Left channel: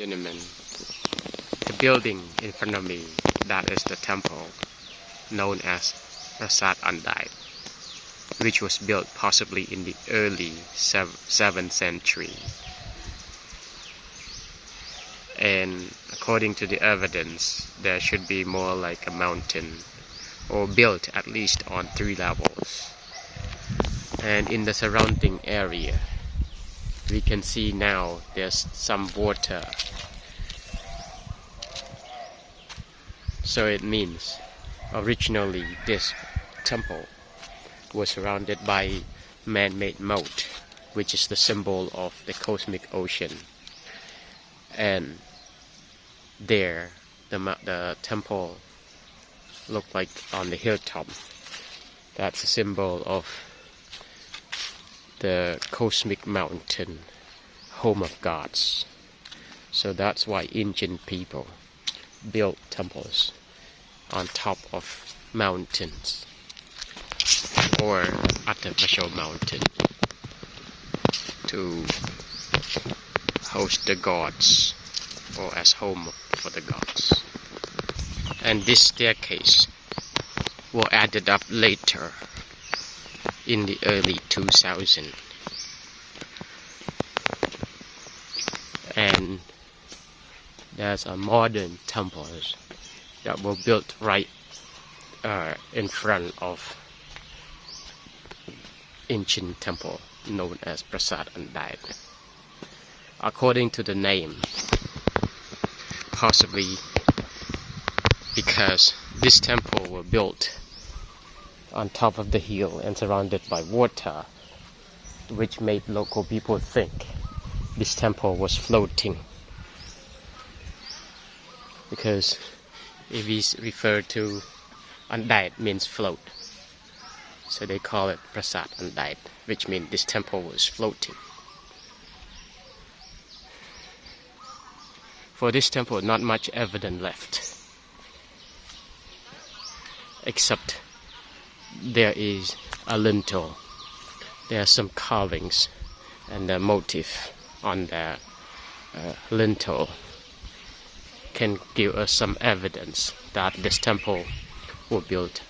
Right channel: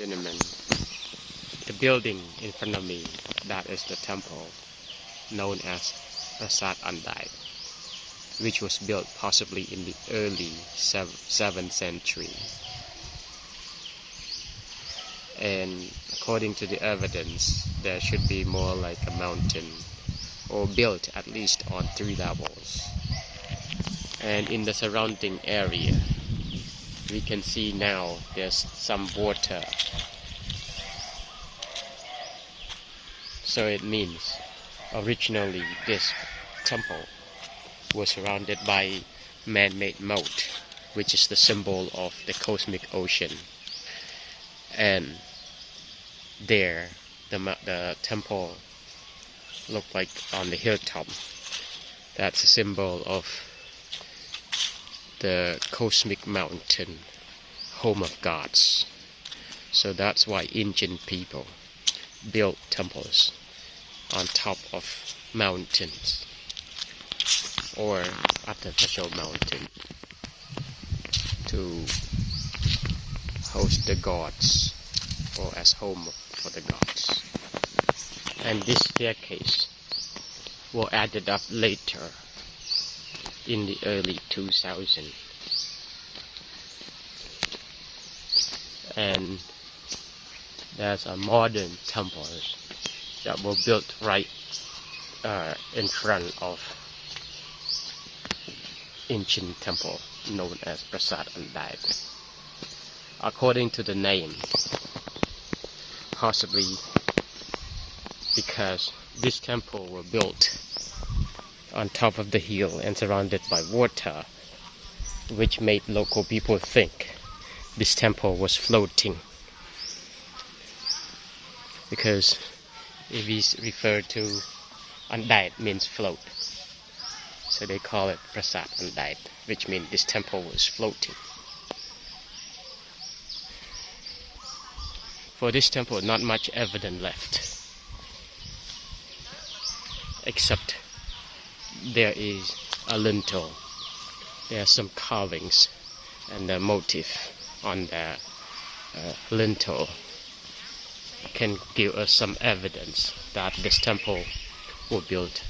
Gentlemen, the building in front of me, that is the temple known as Prasat Andet, which was built possibly in the early 7th century. And according to the evidence, there should be more like a mountain, or built at least on 3 levels. And in the surrounding area, we can see now there's some water. So it means originally this temple was surrounded by man-made moat, which is the symbol of the cosmic ocean. And there, the temple looked like on the hilltop. That's a symbol of the cosmic mountain, home of gods. So that's why ancient people built temples on top of mountains or artificial mountain to host the gods or as home for the gods. And this staircase was added up later in the early 2000s, and there's a modern temples that were built right in front of ancient temple known as Prasat Andet. According to the name, possibly because this temple was built on top of the hill and surrounded by water, which made local people think this temple was floating. Because if we refer to Andet means float, so they call it Prasat Andet, which means this temple was floating. For this temple, not much evidence left, except there is a lintel. There are some carvings, and the motif on the lintel can give us some evidence that this temple was built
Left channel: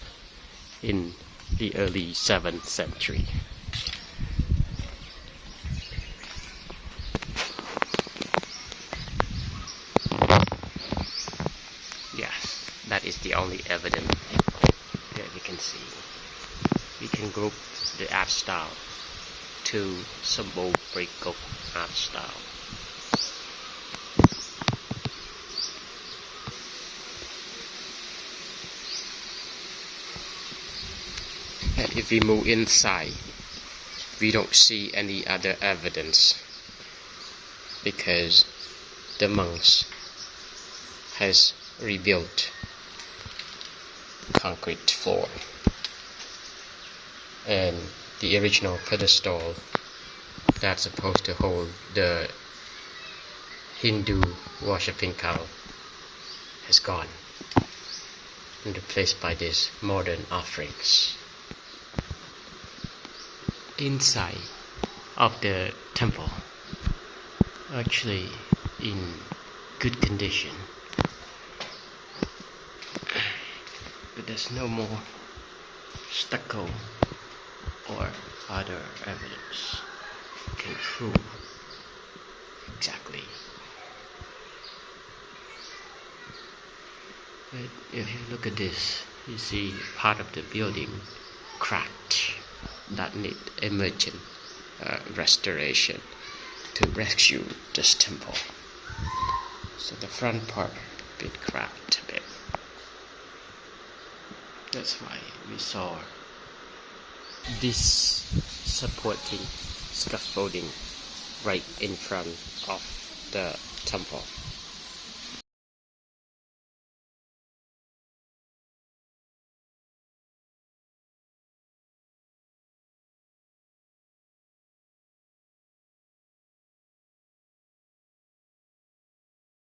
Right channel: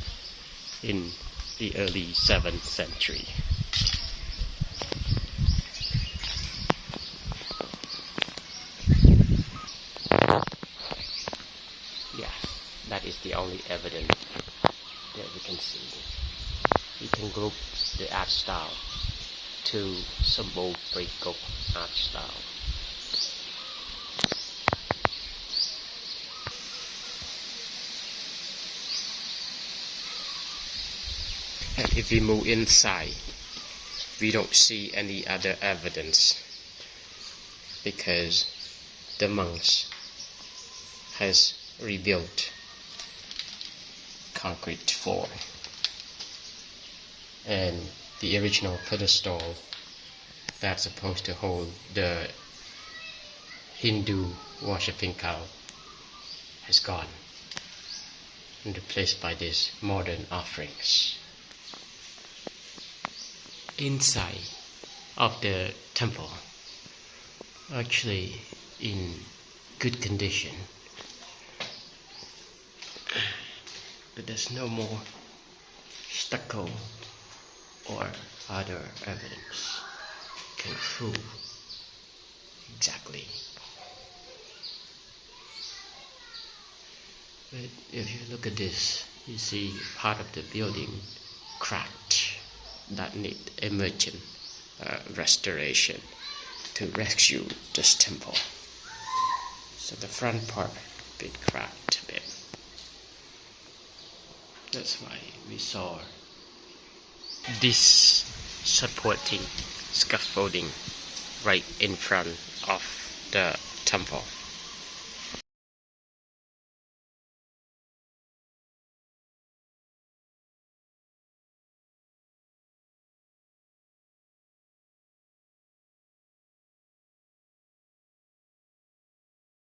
in the early 7th century. Yes, that is the only evidence that we can see. We can group the art style to symbol break of art style. And if we move inside, we don't see any other evidence because the monks has rebuilt concrete floor, and the original pedestal that's supposed to hold the Hindu worshipping cow has gone and replaced by these modern offerings. Inside of the temple, actually in good condition, but there's no more stucco or other evidence can prove exactly. But if you look at this, you see part of the building cracked that need emergent restoration to rescue this temple. So the front part a bit cracked a bit. That's why we saw this supporting scaffolding right in front of the temple.